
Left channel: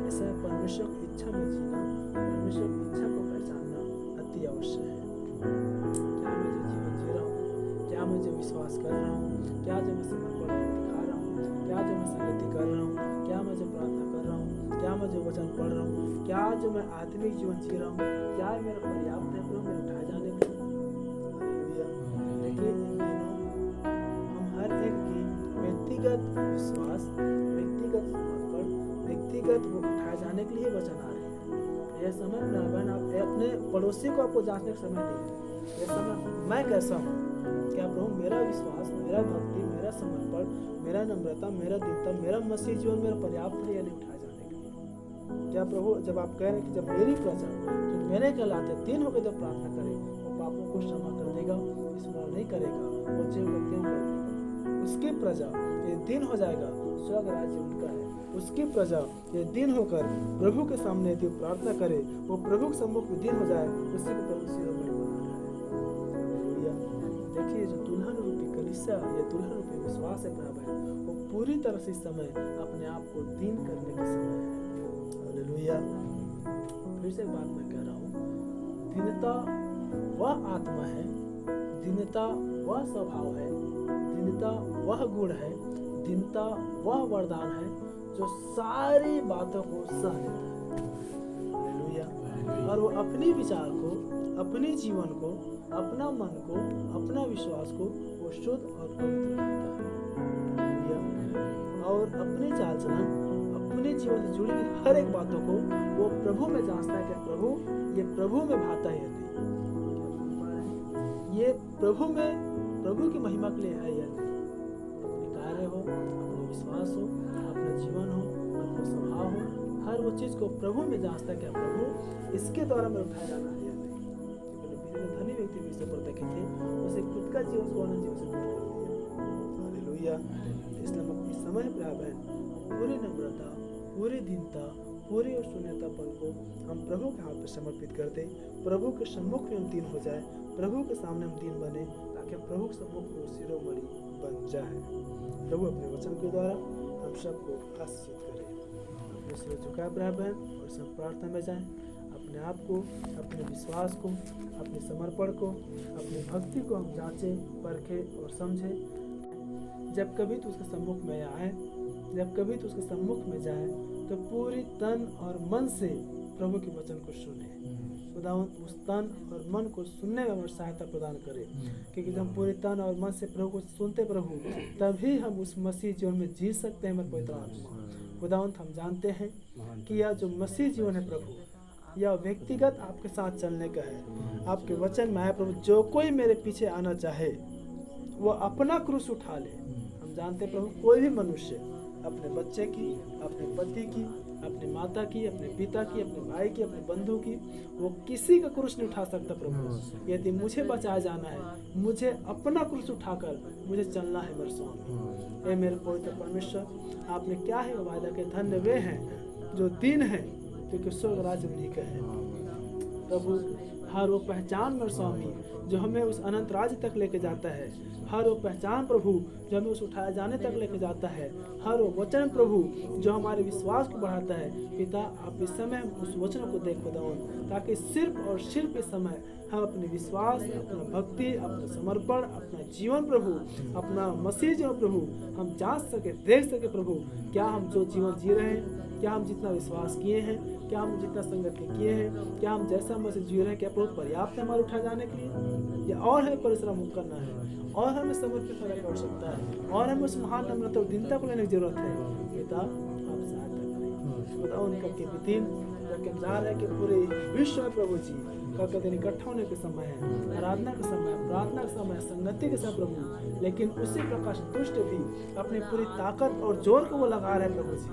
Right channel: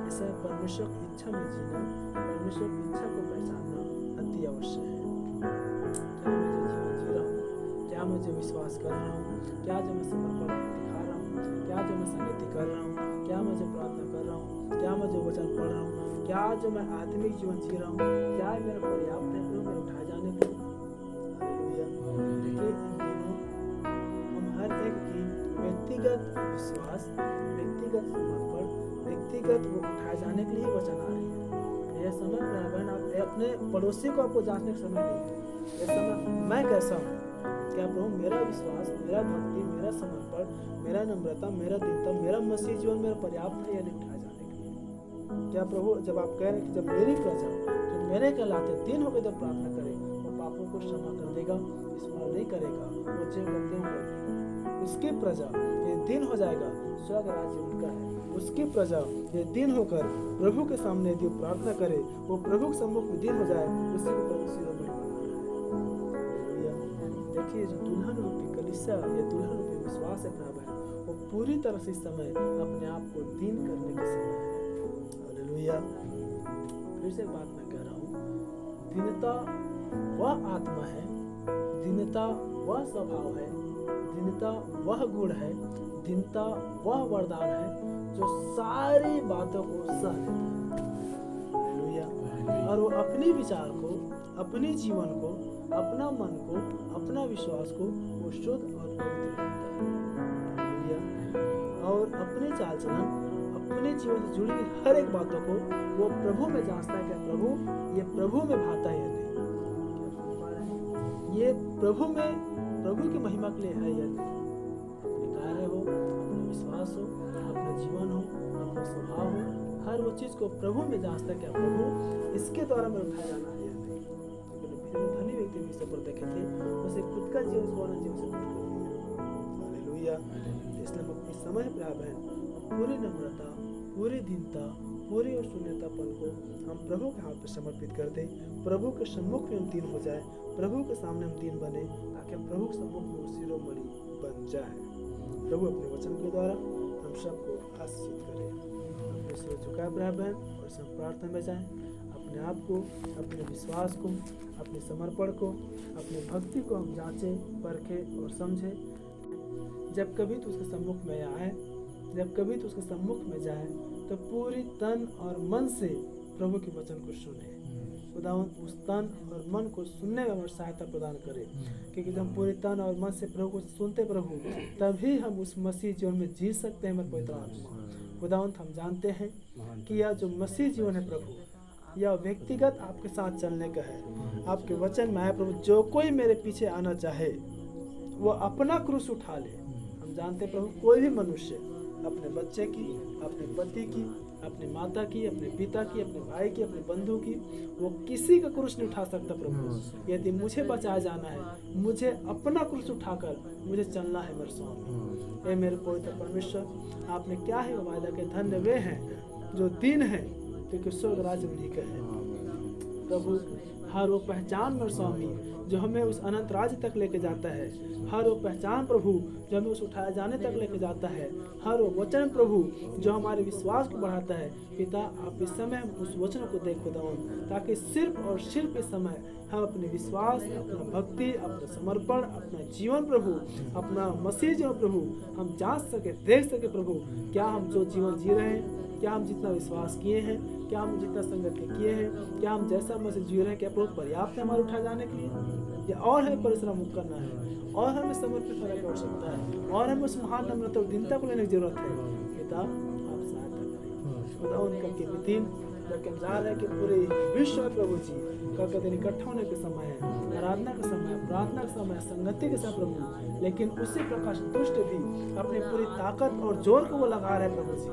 इस समय परमेश्वर की इच्छा में जीना, परमेश्वर की इच्छा को पहचानना अति आवश्यक है। क्या मैं जो जीवन जी रहा हूँ, क्या मैं जो विश्वास कर रहा हूँ, क्या जो मैं समर्पण दिखा रहा हूँ, क्या जो मैं संगति कर रहा हूँ, क्या मैं जो प्रार्थना कर रहा हूँ, क्या मैं जो वचन पढ़ रहा हूँ, क्या जो मैं आत्मिक जीवन जी रहा हूँ, क्या मेरा पर्याप्त है प्रभु मेरे उठाए जाने के लिए। हालेलुया। देखिए इन दिनों हम हर एक की व्यक्तिगत विश्वास, व्यक्तिगत समर्पण, व्यक्तिगत वो उठाए जाने के लिए वचन आ रहे हैं। यह समय बहन आप अपने पड़ोसी को आपको जांचने का समय नहीं है। यह समय मैं कैसा हूँ, क्या प्रभु मेरा विश्वास, मेरा भक्ति, मेरा समर्पण, मेरा नम्रता, मेरा दीनता, मेरा मसीह जीवन मेरा पर्याप्त है या नहीं उठाए जाने के लिए। क्या प्रभु जब आप कह रहे हैं कि जब मेरी प्रजा जो मेरे कहलाते दिन होकर जब प्रार्थना करे वो पापों को क्षमा कर देगा, स्मरण नहीं करेगा, वो जो करते हैं कर देगा। उसकी प्रजा ये दिन हो जाएगा, स्वर्ग राज्य उनका है। उसकी प्रजा ये दिन होकर प्रभु के सामने यदि प्रार्थना करे, वो प्रभु के सम्मुख में दिन हो जाए, उसी को प्रभु शिरोमणि बना रहा है। देखिए जो दुल्हन रूपी कलीसिया, ये दुल्हन रूपी विश्वास है प्रभु है, वो पूरी तरह से इस समय अपने आप को दीन करने के समय है। हालेलुया। फिर से एक बात मैं कह रहा हूँ, दीनता वह आत्मा है, दीनता वह स्वभाव है, दीनता वह गुण है, दीनता वह वरदान है जो सारी बातों को सह लेता है। हालेलुया। और वो अपने विचार को, अपने जीवन को, अपना मन को, अपना विश्वास को वो शुद्ध और पवित्र रखता है। हालेलुया। और अपने चाल चलन, अपने जीवन से जुड़ी हुई हर एक बातों को वो प्रभु में जांचता है, क्या प्रभु ये प्रभु में भाता है या नहीं। क्या सुन पा रहे हैं, ये प्रभु में, प्रभु की महिमा के लिए है या नहीं। अपने कार्य हो, अपना विश्वास हो, अपना जीवन हो, अपना स्वभाव हो, हर वो चीज को प्रभु में जांचता है, क्या प्रभु इसके द्वारा में उठाया जाना है या नहीं। क्योंकि धनी व्यक्ति भी इसे पर देखे थे, उसे खुद का जीवन को अनंत जीवन से दूर कर दिया। हालेलुया। इसलिए हम अपने समय पर बहन पूरी नम्रता, पूरी दीनता, पूरी और शून्यतापन को हम प्रभु के हाथ पर समर्पित कर दें। प्रभु के सम्मुख में हम दीन हो जाए, प्रभु के सामने हम दीन बने, ताकि हम प्रभु के सम्मुख में शिरोमणि बन जाए। प्रभु अपने वचन के द्वारा हम सबको आशीषित करे। अपने सिर झुकाए बहन और सब प्रार्थना में जाएं। अपने आप को, अपने विश्वास को, अपने समर्पण को, अपनी भक्ति को हम जांचें, परखें और समझें। जब कभी तो उसके सम्मुख में आए, जब कभी तो उसके सम्मुख में जाए, तो पूरी तन और मन से प्रभु के वचन को सुने। खुदावंद उस तन और मन को सुनने में हमें सहायता प्रदान करे, क्योंकि जब हम पूरे तन और मन से प्रभु को सुनते प्रभु, तभी हम उस मसीह जीवन में जी सकते हैं। पवित्र आत्मा खुदावंद हम जानते हैं कि यह जो मसीह जीवन है प्रभु, यह व्यक्तिगत आपके साथ चलने का है। आपके वचन में है प्रभु, जो कोई मेरे पीछे आना चाहे वो अपना क्रूस उठा ले। हम जानते प्रभु कोई भी मनुष्य अपने बच्चे की, अपने पति की, अपने माता की, अपने पिता की, अपने भाई की, अपने बंधु की, वो किसी का क्रूस नहीं उठा सकता प्रभु। यदि मुझे बचाया जाना है, मुझे अपना क्रूस उठाकर मुझे चलना है मेरे स्वामी। हे मेरे पवित्र परमेश्वर, आपने क्या है वायदा के, धन्य वे हैं जो दीन हैं, क्योंकि स्वर्ग राज्य उन्हीं का है। प्रभु हर वो पहचान मेरे स्वामी जो हमें उस अनंत राज्य तक लेके जाता है, हर वो पहचान प्रभु जो हमें उस उठाए जाने तक लेके जाता है, हर वो वचन प्रभु जो हमारे विश्वास को बढ़ाता है। पिता, आप इस समय उस वचन को देख खुदावन, ताकि सिर्फ और सिर्फ इस समय हम अपने विश्वास, अपना भक्ति, अपना समर्पण, अपना जीवन प्रभु, अपना मसीह जीवन प्रभु हम जांच सके, देख सके प्रभु, क्या हम जो जीवन जी रहे हैं, क्या हम जितना विश्वास किए हैं, क्या हम जितना संगति किए हैं, क्या हम जैसा मसीह जी रहे हैं, क्या प्रभु पर्याप्त है हमारे उठाए जाने के लिए, या और हमें परिश्रम करना है, और हमें समर्पित होने की आवश्यकता है, और हमें उस महान नम्रता और दीनता को लेने की जरूरत है। पिता, आप सहायता करें खुदा। उनका के दिन जबकि हम जा रहे हैं कि पूरे विश्व में प्रभु जी कल के दिन इकट्ठा होने के समय है, आराधना का समय, प्रार्थना का समय, संगति के समय प्रभु, लेकिन उसी प्रकाश दुष्ट भी अपनी पूरी ताकत और जोर को वो लगा रहे हैं प्रभु जी।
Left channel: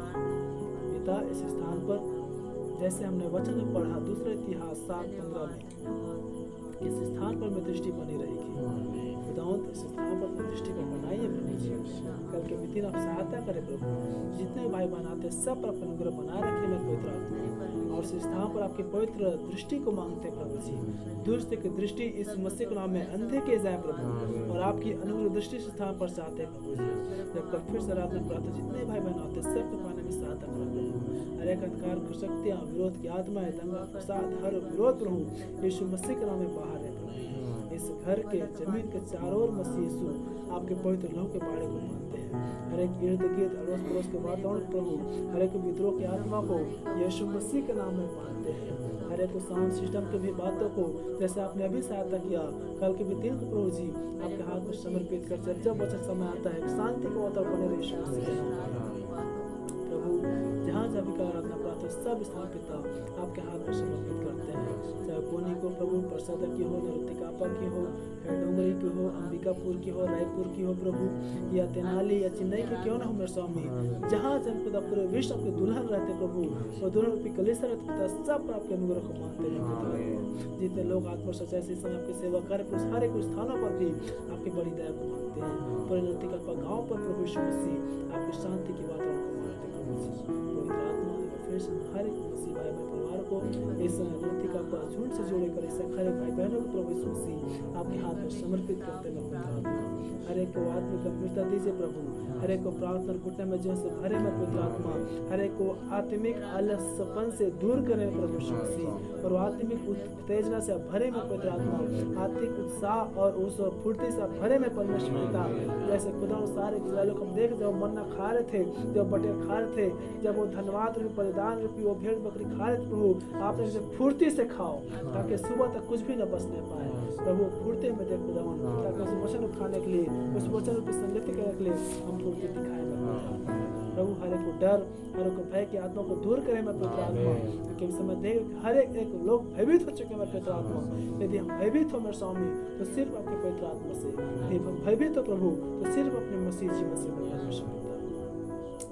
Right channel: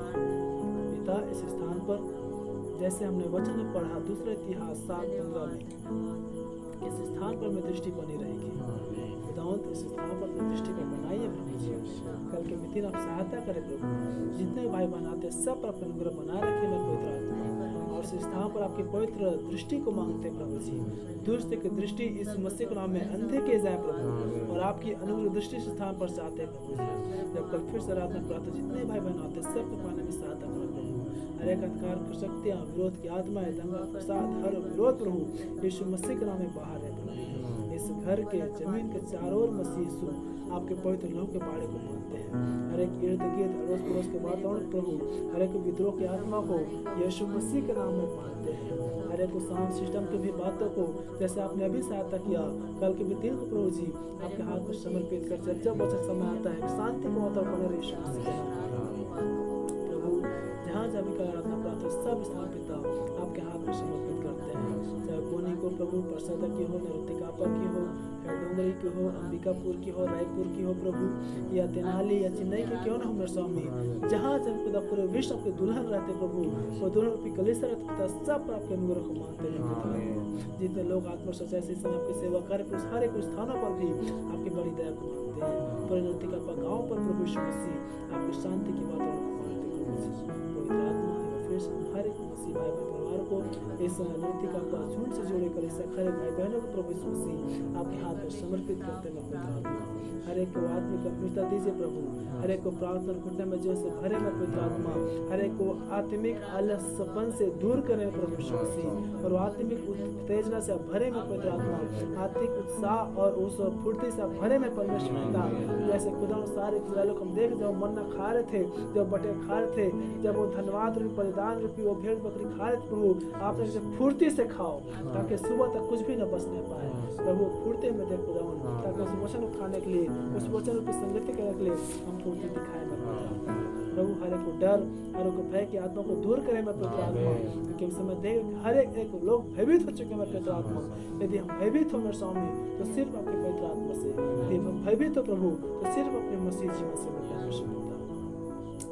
पिता, इस स्थान पर जैसे हमने वचन में पढ़ा दूसरा इतिहास 7:15 में, इस स्थान पर में दृष्टि बनी रहेगी खुदावंत, इस स्थान पर अपनी दृष्टि को बनाइए प्रभु जी। कल के दिन आप सहायता करें प्रभु, जितने भाई बनाते सब पर अपने अनुग्रह बनाए रखिए मेरे पवित्र आत्मा, और इस स्थान पर आपकी पवित्र दृष्टि को मांगते प्रभु जी। दुष्ट की दृष्टि इस मसीह के नाम में अंधे किए जाए प्रभु, और आपकी अनुग्रह दृष्टि इस स्थान पर चाहते हैं प्रभु जी। जब कल फिर से आराधना प्रार्थना जितने भाई बहन आते सब को पाने में सहायता करें प्रभु। हर एक अंधकार की शक्तियाँ, विरोध की आत्माएं, दंगा फसाद, हर विरोध प्रभु यीशु मसीह के नाम में बाहर है प्रभु। इस घर के जमीन के चारों ओर मसीह यीशु आपके पवित्र लहू के बाड़े को मानते हैं। हर एक इर्द गिर्द अड़ोस पड़ोस के वातावरण प्रभु, हर एक विद्रोह की आत्मा को यीशु मसीह के नाम में बांधते हैं। हर एक साउंड सिस्टम की भी बातों को जैसे आपने अभी सहायता किया कल के भी दिन को प्रभु जी आपके हाथ में समर्पित कर, जब वचन समय आता है शांति का वातावरण बने रहे यीशु मसीह के नाम प्रभु। जहाँ जहाँ भी कल आराधना प्रार्थना सब स्थान पिता आपके हाथ में समर्पित करते हैं, चाहे कोनी को प्रभु, प्रसाद की हो, नरुतिकापा की हो, या डोंगरी की हो, अंबिकापुर की हो, रायपुर की हो प्रभु, या तेनाली या चेन्नई की क्यों ना हो मेरे स्वामी, जहाँ जब पिता पूरे विश्व आपके दुल्हन रहते प्रभु, वो दुल्हन रूपी कलीसिया रहते पिता, सब पर आपके अनुग्रह को मांगते हैं। जितने लोग आत्मा सच्चाई से समय आपकी सेवा कर हर एक स्थानों पर भी आपकी बड़ी दया को मांगते हैं। पूरे नरुतिकापा गाँव पर प्रभु यीशु मसीह आपकी शांति की वातावरण को मांगते पवित्र आत्मा फिर से हर एक मसीह भाई बहन परिवार को इस नृतिका पर झूठ से जोड़े कर इस हर एक भाई बहनों को प्रभु यीशु मसीह आपके हाथ में समर्पित करते हैं पवित्र आत्मा। हर एक को आत्मिक गंभीरता दीजिए प्रभु, हर एक को प्रार्थना घुटने में जीवन से भरे में पवित्र आत्मा, हर एक को आत्मिक आलसपन से दूर करें प्रभु यीशु मसीह, और आत्मिक उत्तेजना से भरे में पवित्र आत्मा, आत्मिक उत्साह और उस फुर्ती से भरे में परमेश्वर पिता। जैसे खुदा सारे इस्राएलियों को हम देख जब मन्ना खा रहे थे, जब बटेर खा रहे थे, जब वो धन्यवाद रूपी बलिदान रूपी वो भेड़ बकरी खा रहे थे प्रभु, आपने इसे फुर्ती से खाओ ताकि सुबह तक कुछ भी न बचने पाए प्रभु। फुर्ती में देख खुदा ताकि उस वचन को खाने के लिए, उस वचन की संगति करने के लिए हम फुर्ती दिखाए प्रभु। हर एक को डर, हर एक को भय की आत्मा को दूर करें मैं पवित्र आत्मा, क्योंकि इस समय देख हर एक लोग भयभीत हो चुके हैं मैं पवित्र आत्मा। यदि हम भयभीत हो मेरे स्वामी तो सिर्फ आपके पवित्र आत्मा से, यदि हम भयभीत हो प्रभु तो सिर्फ अपने मसीह जीवन से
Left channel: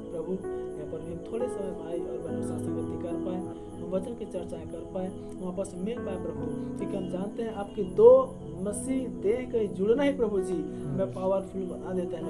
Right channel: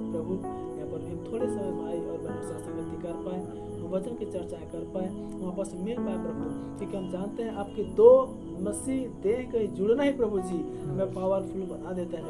प्रभु। यहाँ पर भी हम थोड़े समय भाई और बहनों से संगति कर पाए, हम वचन की चर्चाएं कर पाए, हम आपस में मिल पाए प्रभु, क्योंकि हम जानते हैं आपके दो मसीह देह का जुड़ना ही प्रभु जी हमें पावरफुल बना देता है।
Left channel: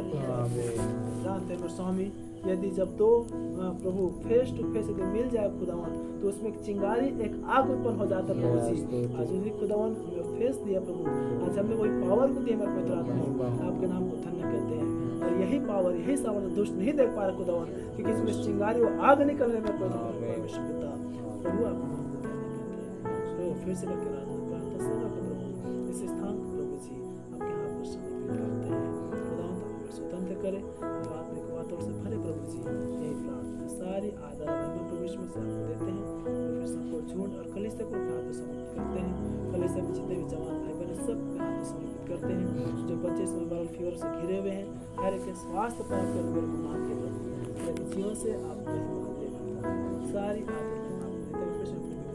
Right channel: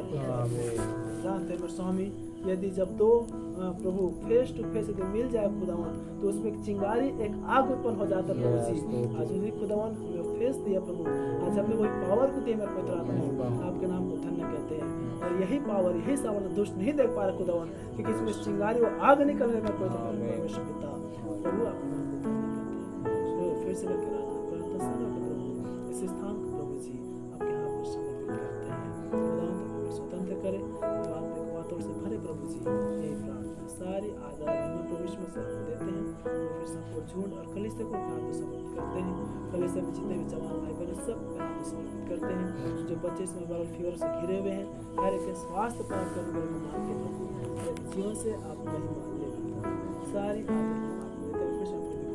जानते हैं मेरे स्वामी, यदि जब दो प्रभु फेस टू फेस यदि मिल जाए खुदावन तो उसमें एक चिंगारी, एक आग उत्पन्न हो जाता है प्रभु जी। आज उसी खुदावन हमें फेस दिया प्रभु, आज हमें वही पावर को दिया मेरे पवित्र आत्मा, आपके नाम को धन्य कहते हैं। और यही पावर, यही सावन दुष्ट नहीं देख पा रहे खुदावन, क्योंकि इसमें चिंगारी वो आग निकल रही है परमेश्वर पिता प्रभु, आपके नाम को धन्य कहते हैं। फिर से करके प्रार्थना समय को प्रभु इस स्थान को प्रभु जी आपके हाथ में समर्पित करते हैं। खुदावन हमें स्वतंत्र करे, आत्मिक बातों से भरे प्रभु जी, यही प्रार्थना सारी आदर महिमा प्रभु यीशु मसीह आपको देते हैं। और फिर सबको झूठ और कलीसिया को अपने हाथ में समर्पित करते हैं। कलीसिया में जितने भी जवान भाई बहन सब अपने हाथ में समर्पित करते हैं। जो बच्चे इसमें वायरल फीवर से घिरे हुए हैं, हर एक स्वास्थ्य पर आपके अनुग्रह को मांगते प्रभु, जीवन से आप महिमा ले सारी आदर आपको देते हैं।